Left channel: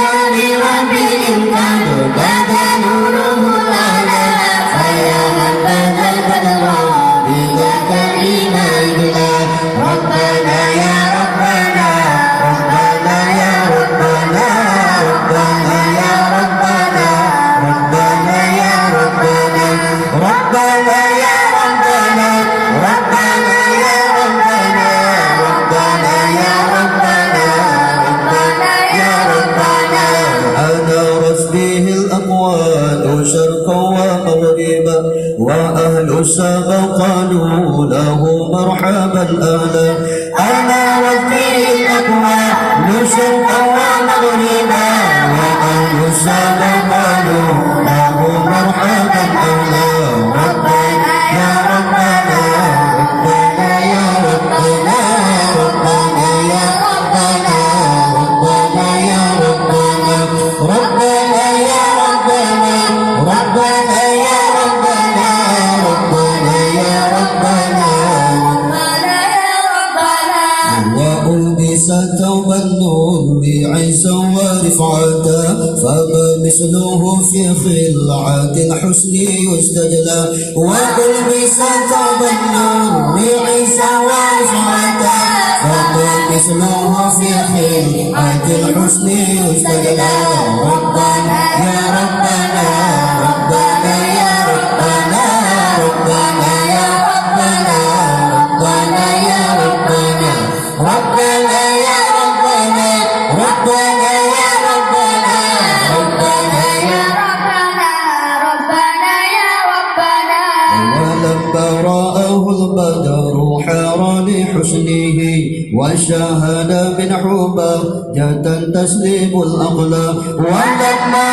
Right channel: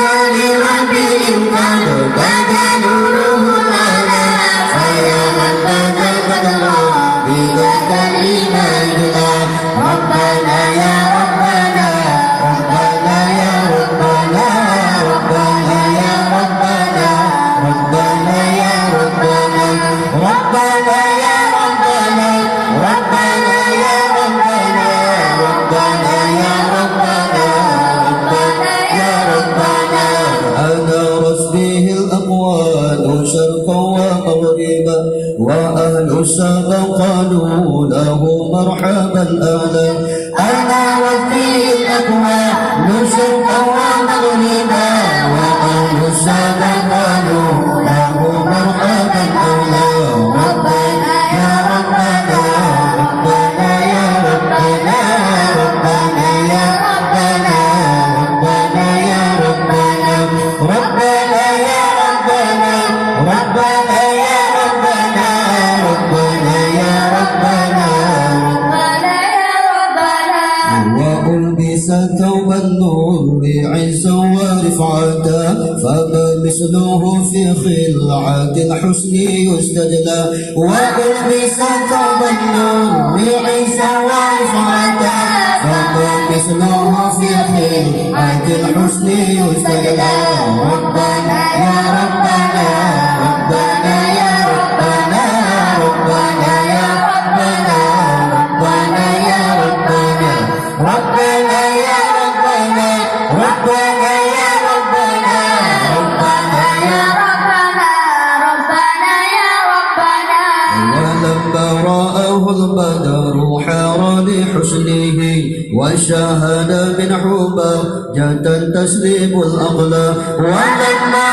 بشان ربي إمداد بدا نوره لنا فيا من بدا بدرا بذاك الإيمان ربنا يا ربنا ربنا يا ربنا ربنا يا ربنا ربنا يا ربنا ربنا يا ربنا ربنا يا ربنا ربنا يا ربنا ربنا يا ربنا أنا رسبه الأقوال شرقا ومغربا وأهل السبا قالوا له مرحبا أهلا أنا رسبه الأقوال شرقا ومغربا وأهل السبا قالوا له مرحبا أهلا ربنا يا ربنا ربنا يا ربنا ربنا يا ربنا ربنا يا ربنا ربنا يا ربنا ربنا يا ربنا ربنا يا ربنا وألبس ثوب النور بعزا ورفعة فما مثله في خلعة الحسن يستجلى وألبس ثوب النور بعزا ورفعة فما مثله في خلعة الحسن يستجلى ربنا يا ربنا ربنا يا ربنا ربنا يا ربنا ربنا يا ربنا ربنا يا ربنا ربنا يا ربنا ربنا يا ولما رآه البدر حار لحسنه وشاهد من حبه جدا تسليم الأقلام ولما